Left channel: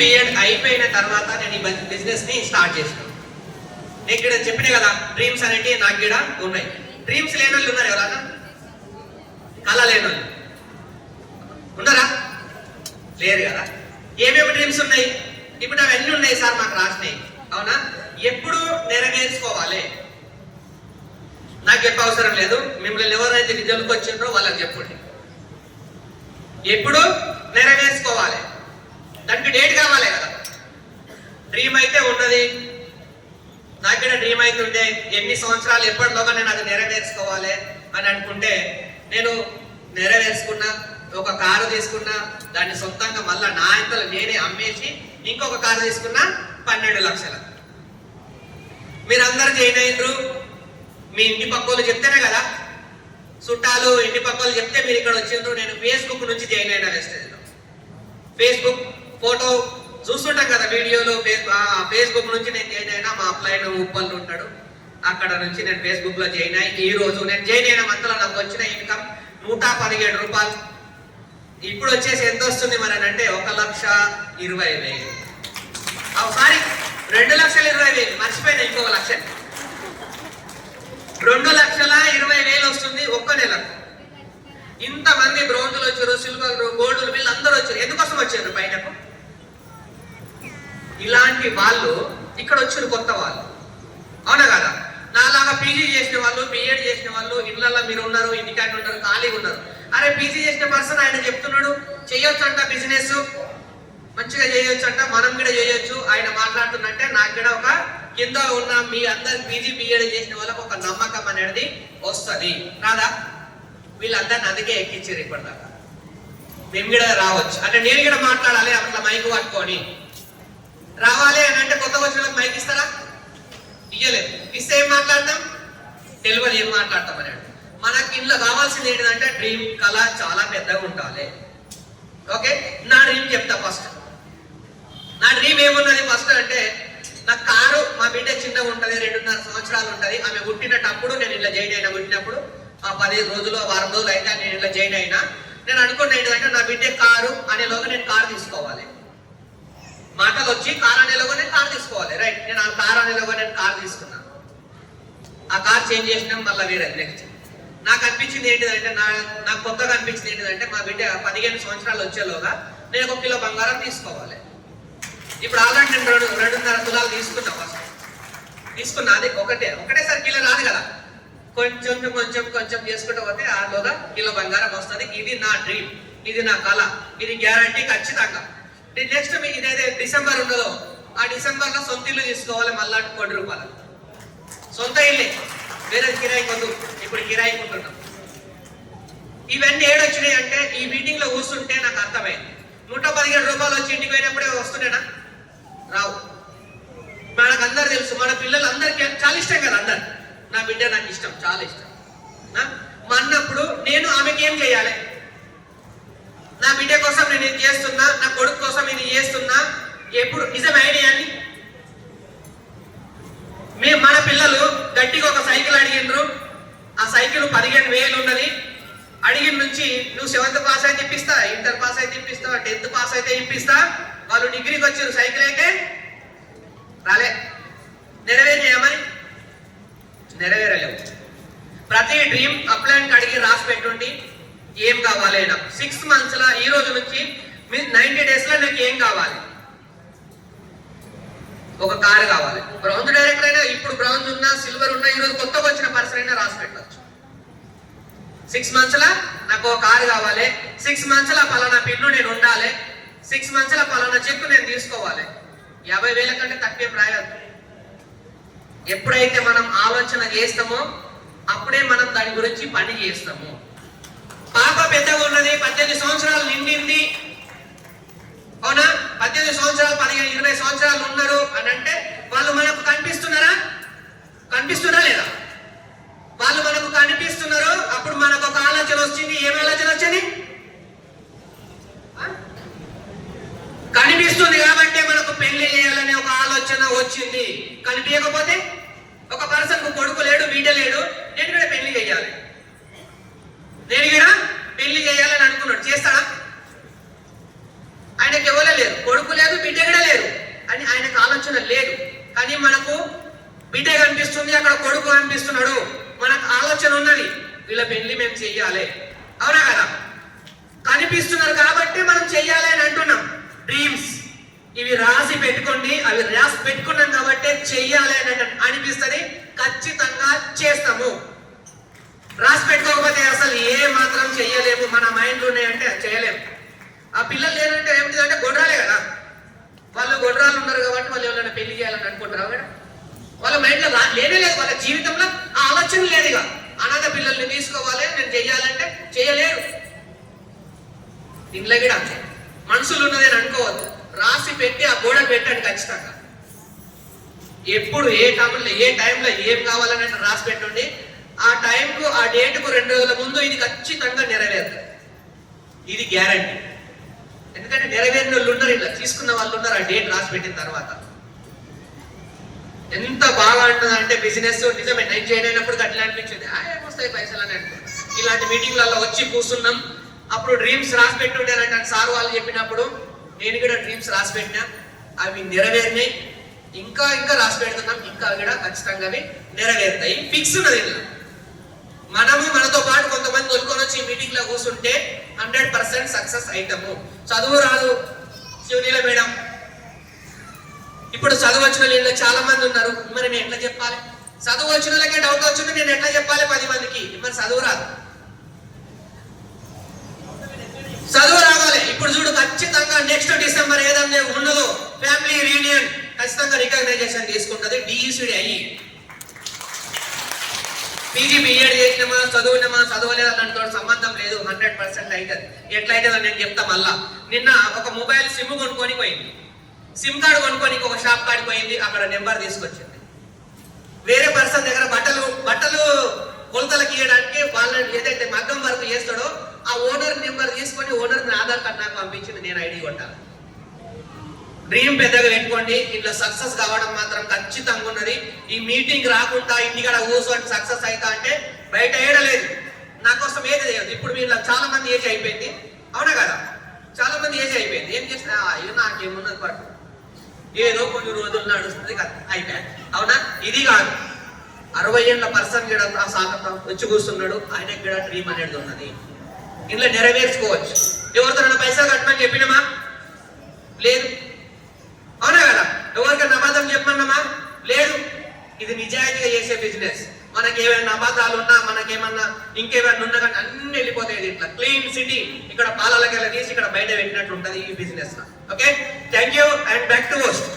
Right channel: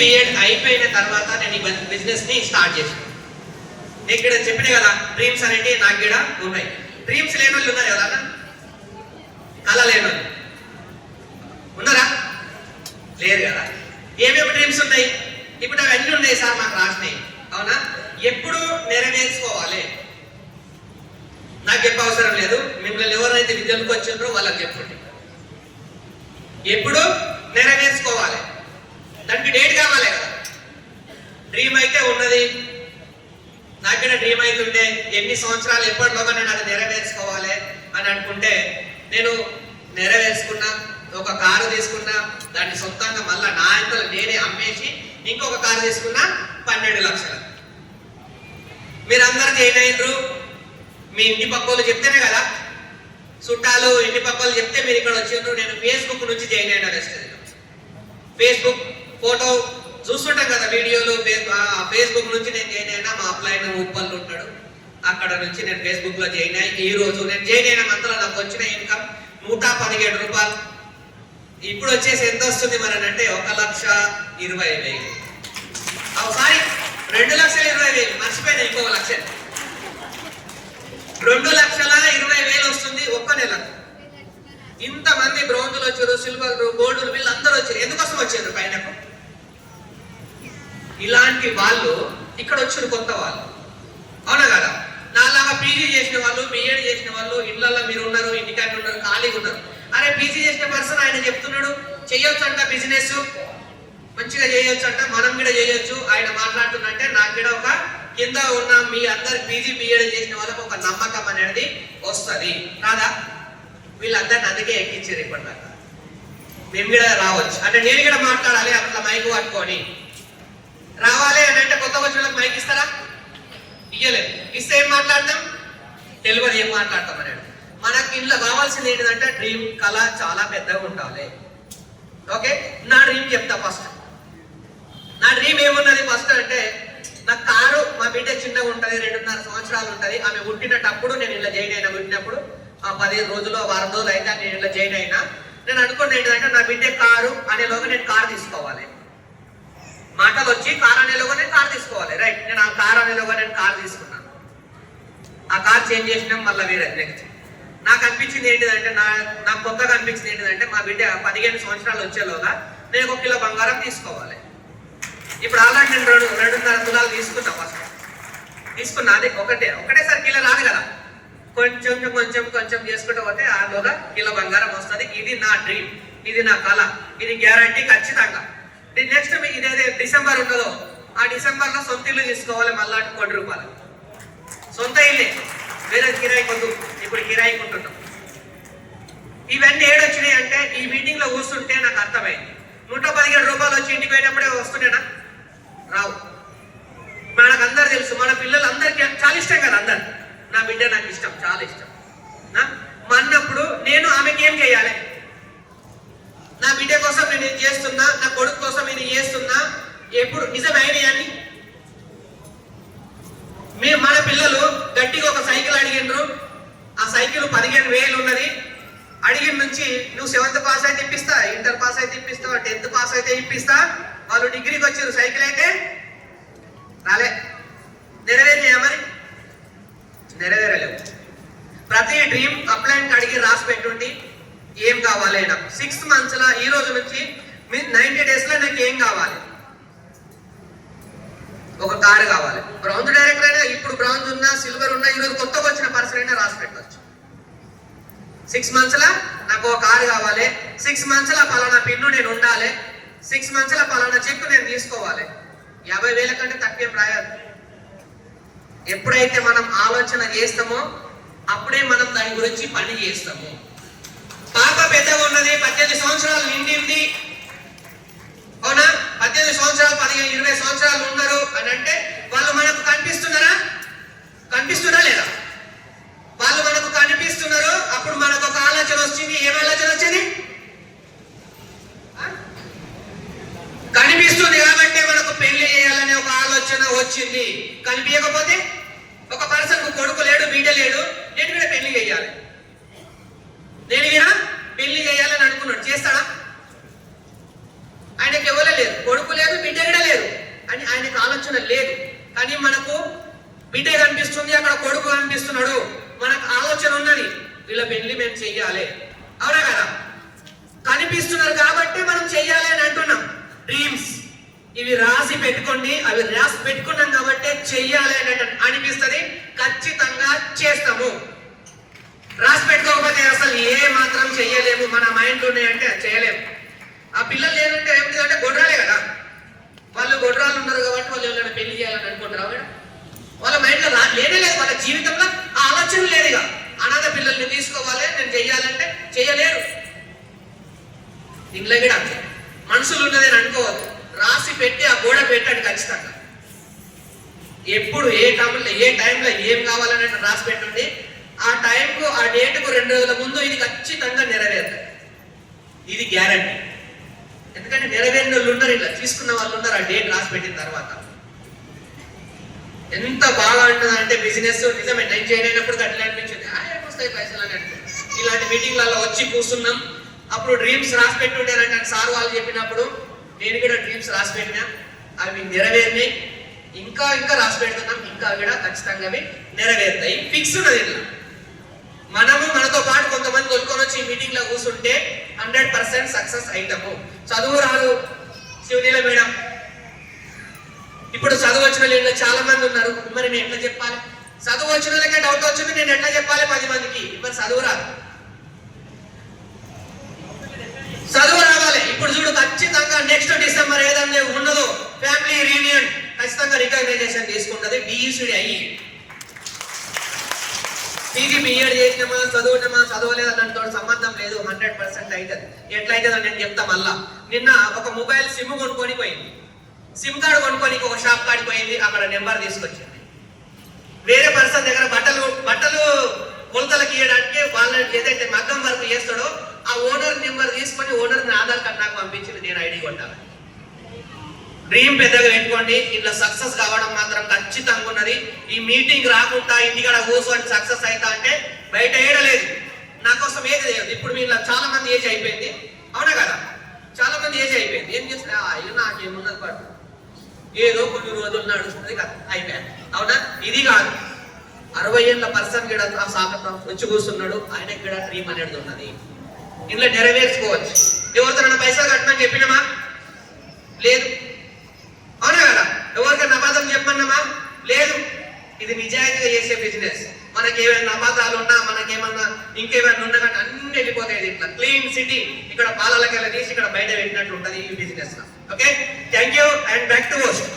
BEd అయిపోయిన తర్వాత నేను ఈ బిజినెస్ ని స్టార్ట్ చేసాను. నేను ఇక్కడ చెప్పిన కదా డ్రీమ్స్ అనేవి నాకు ఇక్కడ ఉన్నాయి. డ్రీమ్స్ లేని వాళ్ళు ఉన్నారు ఎవరన్నా? కళ లేని వాళ్ళు ఉన్నారా? లేరు కదా. ఏమేమి డ్రీమ్స్ ఉన్నాయి? ఇప్పుడు నాకు అన్ని ఉన్నాయి సార్, మాకు రాసినాయి. అవునా? ఎప్పుడు నెరవేర్చుకోవాలి? నాకు చెప్ప అవసరం లేదు, మిమ్మల్ని ఎవరైతే విద్యలకు వచ్చిండ్రో వాళ్ళకి చెప్పండి. ఎప్పుడు నెరవేర్చుకోవాలి, దానికి డేట్ కావాలి కదా. డ్రీమ్ అయితే ఉన్నది, నాకైనా డ్రీమ్ అయితే ఉంటే ఎన్ని సంవత్సరాలు ఎప్పటిలోగా నేను అది నెరవేర్చుకోవాలి అని అనుకుంటే నేను నెరవేర్చుకున్నా. ఒక కారు తీసుకున్నా, దాన్ని సొంతంగా మళ్ళీ నా ఇంట్లో నేనే అమ్మేసి ఇంకొక కారు తీసుకున్నా 12 లక్షలు. మీరందరూ జాయిన్ అయ్యారు, మీ ఇంటి పక్కలు చెప్తేనే కదా, చుట్టాలు ఇంటి పక్కలు చెప్తే మీరు ఇక్కడ వచ్చిండ్రు. నేను ఫేస్బుక్ నుంచి జాయిన్ అయినా. వెస్టేజ్లో ఫేస్బుక్ ఫోటో చూస్తుంటాం కదా వీడియోలు. ఫేస్బుక్ నుంచి నేను జాయిన్ అయినా. మా అప్లైన్ ఉప్పల్లో ఉంటాడు, అక్కడ నుంచి నేను ఫేస్బుక్ లో జాయిన్ అయ్యి ఈ రోజు నేను జాయిన్ అయిన మంత్లో నాకు వచ్చిన ఇన్కమ్ 117 రూపాయలు. ఇప్పుడు వచ్చేసి ఎంత వస్తుంది మరి అంటే 1,20,000. సారీ, 2,20,000. మర్చిపోయినా, ఇంకొక లక్ష. 2,20,000 వస్తుంది ఒక్క నెలకు. ఇంతమంది బ్రౌన్లు వచ్చారు, సిల్వర్లు, గోల్డ్లు, వీళ్ళు అందరూ వచ్చారు. ఎందుకోసం వచ్చారు పైనకు? ఇలాంటి వాళ్ళు ఇక్కడ వచ్చారు, కొత్త వాళ్ళు. అవునా కదా? నాలాగా పీజీ చేసిన వాళ్ళు, బిఎడ్ చేసిన వాళ్ళు ఇళ్ళల్లో మీరు ఉన్నారు, ఇంటికాడ ఉన్నారు, ఖాళీగా ఉన్నారు. అరే పీజీ చేసిన పర్సన్ ఆయన చెప్తున్నాడు చేయొచ్చు అంట, బిజినెస్ మంచిగా చేయొచ్చు అంట, మనం కూడా చేయొచ్చు. ఆయన మాట్లాడుతున్నట్టే నాకు కూడా ఒక కింద ఉన్న మీ అందరు పీజీ బిఎడ్ చేసిన వాళ్ళకు ఒక నమ్మకం అనేది వస్తుంది రాదా? వీళ్ళందరినీ అందుకే ఎక్కించారు ఇప్పటిదాకా. మేము కూడా రావచ్చు అంటే నేను కూడా మాట్లాడాలి, అట్లా మైకు పట్టుకొని రావాలి అని అంటే కొత్త వచ్చిన వాళ్ళకి మైక్ ఇస్తారా? ఇయ్యలేదు. ఇస్తే ఏం మాట్లాడతాం? తెలియదు ఏం మాట్లాడతాం అన్నాడు. మనకి ఇంట్లో కావాల్సింది ఏంటంటే డ్రీమ్, కళ చాలా పెద్దగా ఉండాలి. ఓకే, నా డ్రీమ్ చెప్తా ఫస్ట్. నా డ్రీమ్ ఏమున్నది ఫస్ట్ అంటే, నా కారు, మా బిడ్డ చిన్నగా ఉంటుంది, 2.5 సంవత్సరాలు ఉంటుంది. ఆమె పుట్టినప్పుడు నేను ఇలా జాయిన్ అయినా. పుట్టినప్పుడు 15 రోజులు, వారం రోజులు అయితే నేను ఇలా జాయిన్ అయినా. నేను అనుకున్న ఏంటంటే నా బిడ్డ కారు అనేలోగా నేను కారు తీసుకోవాలి. మాటలు వచ్చి కారు అనేలోగా నేను కారు తీసుకోవాలి. రైట్, నేను ఆ కారు అనేలోగా నేను కారు తీసుకున్నాను. ఆ కార్ చేంజ్ చేసినాం, మళ్ళీ వేరే నెక్స్ట్. నాకు అనిపించింది ఏంటిదంటే, నాకు కొత్తగా అనిపించింది ఏంటిదంటే, మా బిడ్డ 15 సంవత్సరాలు వచ్చేలోగా నేను 1 కిలో బంగారం తీసుకోవాలి. ఇప్పుడు ఆల్రెడీ నేను 2.5 తులాలు తీసుకున్నా. ఫస్ట్ తీసుకున్నా, అది ఒకటేసారి కిలో రాదు కదా, కొంచెం కొంచెం కొంచెం చేసుకుంటూ పోతే ఆలోగా కిలో బంగారం వస్తుంది. ఇది నా డ్రీమ్, ఇది నా కళ, ఇది గ్యారంటీ ఖచ్చితంగా. నెక్స్ట్ ఇదైతే డిసెంబర్ ఉండదో, ఆ డిసెంబర్ లో సొంత ఇల్లు తీసుకోవాలి. మళ్ళా 1 రూపాయలు సొంత ఇల్లే, వేరే కిరాయి కొద్దు. ఇప్పుడు కిరాయి కొంటున్నాం. ఇవన్నీ ఏడొచ్చినాయి అంటే ఈ మీటింగ్ లో కూర్చుంటే నాకు అర్థమైంది. 117 రూపాయలు వచ్చి ఇంటికి పోయినప్పుడే వస్తున్నానా? రావు. మనకు అందరు తెలుసు, మన పిల్లలు అందరికి చాలా ఇష్టం కదా. అందరు నా బిడ్డ నాకు ఇష్టం, చాలా ఇష్టం. మా అన్నప్పుడు నేను ఆమెకి ఏం చేయాలి? నా బిడ్డ కోసం నేను ఇది చేస్తున్నా, నా కొడుకు కోసం నేను చేస్తున్నా. ఎప్పుడు నిజం ఐడియా అని మన పిల్లలు గట్టిగా ఒక సైకిల్ అడిగిండ్రు. ఆ సైకిల్ 15,000 ఉన్నది. అడిగిన నుంచి నువ్వు 7th పాస్ అయితే ఇప్పిస్తా, ఇంటర్ పాస్ అయితే ఇప్పిస్తా, 10th పాస్ అయితే ఇప్పిస్తా. వాళ్ళు డిగ్రీకి వచ్చారు, సైకిల్ అయితే రాలే. నెరవేరేమని? నెరవేరలేవు. ప్రతి డ్రీమ్ అప్లైన్ అడిగి రాసి పెట్టుండి ఏం కావాలి నాకు 6 months లా, ఈ రోజు నుంచి 90 days లో నాకు ఏం కావాలి? ఒక కారు కావాలి. బ్రౌన్స్ డైరెక్టర్ అయినా, ఇప్పుడు బ్రౌన్స్ ఉన్నా, సిల్వర్ ఉన్నా, ఈరోజు కొత్తగా వచ్చిన పర్సన్ అయినా రాసి పెట్టవచ్చు. 6 months లా నాకు ఒక కారు కావాలి, 6 months లా పలానా పిన్ను నేను ఉండాలి, 6 months లా పలానా చెక్కు నేను తీసుకోవాలి. 50,000 కంటే తక్కువ రాయద్దు. ఎప్పుడైతే మనం ఆలోచన చేస్తామో అప్పుడే మనం దాని గురించి పని చేస్తాము. పాప పెద్దగా ఉన్నది, 18 సంవత్సరాలు నిండింది. అవునా? 18 సంవత్సరాలు, 15, 20 సంవత్సరాలు ఉన్నారు అని అంటే వాళ్ళు మనకు కనిపిస్తున్నారా? కనిపిస్తున్నా లేదా? వాళ్ళు మనకు కనిపిస్తున్నారు. అప్పుడు మనకు ఒక ఆలోచన వచ్చింది. ఏం ఆలోచన వచ్చింది? కనిపిస్తుంది కాబట్టి మనకు పెళ్లి చేయాలనే ఒక ఆలోచన వచ్చింది. కనిపించకపోతే ఒక పర్సన్ కొడుకు లేడు, బిడ్డ లేడు, నేను కూడా పెళ్లి చేయాలి, నేను కూడా పెళ్లి చేయాలని అనుకున్నాడు. చేస్తాడా? ఆయనకి ఎవరో లేదు, కొడుకు లేదు, బిడ్డ ఆలోచన లేదు. కానీ మనకు బిడ్డ కనిపిస్తుంది, అక్కడ కొడుకు కనిపిస్తున్నాడు, మనకు ఆలోచన ఉన్నది, వీళ్ళ పెళ్లి మేము చెయ్యాలి, అవునా కదా? కనిపిస్తున్నారు కాబట్టి మనం చెయ్యాలి అని అంటున్నాం. డ్రీమ్స్ ఇవి రాసి పెట్టుకోండి, అవి రాసి పెట్టుకున్నాం కాబట్టి చెయ్యాలి అని అనిపిస్తుంది, ఖచ్చితంగా చేస్తాము. రాసి పెట్టుకోకపోతే అసలు ఏ మాత్రం చెయ్యలేము. మన మైండ్లో ఉన్నాయంటే చేయలేము. ఆ పిల్లలు లేదంటే ఏమిటంటే గొడ్రాలే కదా, వాళ్ళు గొడ్రాలు ఉన్నారు కాబట్టి వాళ్ళు ఎవరైనా పెళ్లి చేయాలని అనుకుంటారు మేడం. వాళ్ళ మైండ్లో లేనే లేదు, వాళ్ళ జీవితంలో ఆ ఆలోచన లేదు. ఇక అనాథ పిల్లల్ని తీసుకోవాలి, నేను చెయ్యాలంటే చేయలేరు. ఇంట్లో కూడా మనుషులు ఉన్నది అని అనుకోవద్దు, రాసి పెట్టి ఆ గోడ పెట్టండి ఖచ్చితంగా. ఎప్పుడు ఏ టైంలో ఏం కావాలని రాసి పెట్టండి. ఆ టైంకు ఆ డేట్కు 2 రోజుల ముందు ఇది ఖచ్చితంగా నెరవేరుతుంది, ఇది గ్యారంటీ. ఎందుకంటే నెరవేరిన వాళ్ళు ఉన్నారు, ఇలా తీసుకున్న వాళ్ళు ఉన్నారు. ఆ డేట్ రాసి పెట్టిన తర్వాత ఎంత బాగా ఉంటుంది అంటే బిజినెస్ నిజమే. నేను జాయిన్ అయినప్పుడు అట్లా అనిపించింది, ఏమొస్తాయి పైసలు అని అనుకున్నాను. ఇలాంటి మీటింగ్లలో వచ్చి కూర్చున్నాం, అప్పుడు డ్రీమ్స్ రాసి పెట్టుండేనంటే సార్ వాళ్ళు చెప్పినప్పుడు నేను కూడా డ్రీమ్స్ రాసి పెట్టినా, అవి నెరవేరినాయి. ఇంకా రాసి పెడుతున్నాం, ఇంకా కూడా ఖచ్చితంగా అవి నెరవేరుతాయి. ఫిక్స్ ఉన్నది. ఇలా మనము మనతో పాటు కొంతమంది కొనుక్కొని వచ్చి ఈ మీటింగ్ లో కూర్చుంటే 100% సక్సెస్ అవుతాము. చదువు రాదు శివనీల మేడం, ఇప్పుడు చదువు వచ్చిన వాళ్ళు చాలా మంది ఉన్నారు, మరి నేను ఎట్లా చెప్పాలి? చదువు వచ్చిన వాళ్ళకే డౌట్ వచ్చింది, నేను ఎట్లా చెప్పాలి 10 మందికి? మరి చదువు రాదు, చదువు రావాలి. ఇప్పుడు చూడు, ఖచ్చితంగా నెక్స్ట్ డిసెంబర్ ఏదైనా ఉన్నదో ఫ్యామిలీ రీయూనియన్ ఖచ్చితంగా రికగ్నైజేషన్ తీసుకుంటుంది. బిఈసిడి అయ్యి పీజీ బిఎడ్ చేసినామా, చదవలేదు దానితో సంబంధం లేదు, 100% అవుతుంది. ఎట్లయితే నేను చెప్తా. మళ్ళా నిన్న ఒక మొబైల్ సిమ్ కొనుక్కొని పోయింది, సిమ్ కార్డు కొనుక్కొని ఒక షాప్ కాడికి పోయింది, అక్కడ నెంబర్ తీసుకొచ్చింది. వేరే పర్సన్ దగ్గర బట్టలు కొలతలకు ఇవ్వడానికి వాళ్ళ ఏదైతే మగ్గం వర్క్ చేస్తాడో ఆ ఓనర్ నెంబర్ తీసుకొని ఓనర్ ఆధార్ కార్డు నాకు పంపించింది, నేను ఐడి కొట్టాలి. డ్రీమ్ పెద్దగా పెట్టుకోండి, ఇట్లా సక్సెస్ కావడం మాత్రం ఖచ్చితంగా ఉన్నది. ఈ మీటింగ్ రాకుండా ఇంటికాడ కూర్చొని సక్సెస్ అవుతా అంటే బయట ఏడలేదు. నా కోసం ఏది లేదు. ఇప్పుడు వీళ్ళ చాలా మంది ఏజ్ అయిపోయింది, అవునా కదా? చాలా మంది ఏజ్ అయిపోయింది. ఏం చేసినా ఇక నాకేమున్నది పాటు, ఏదో కొన్ని రోజులు నడుస్తుంది కదా, అయిపోయాను. అవునా? ఇది కాదు, 60 ఏళ్ళ పర్సన్ కూడా ఆ సాగతం వచ్చి కూర్చున్నాడు, ఆయనకి కూడా డ్రీమ్ అనేది ఉన్నది. ఇంట్లో నెరవేర్చుకోవచ్చు. ఎవరితో పైసలు కట్టమని చెప్పినామా? లేదు, అవునా కదా? ఎవరికైనా అబద్ధం చెప్పమన్నామా? లేదు. ఇది నిజాయితీగా చేసే బిజినెస్. మనకి ఏమైనా అబద్ధాలు ఉన్నా, మనకేమన్నా ఇంకేమైనా ఉన్నా కానీ అన్ని వెళ్ళిపోతాయి. ఇట్లా క్లీన్ సిటీ, ఇక్కడ పాలలకెళ్ళ తీసి ఇక్కడ బయట పెట్టినట్టు ఉంటుంది ఈ బిజినెస్ లో. Okay, thank you and back to host.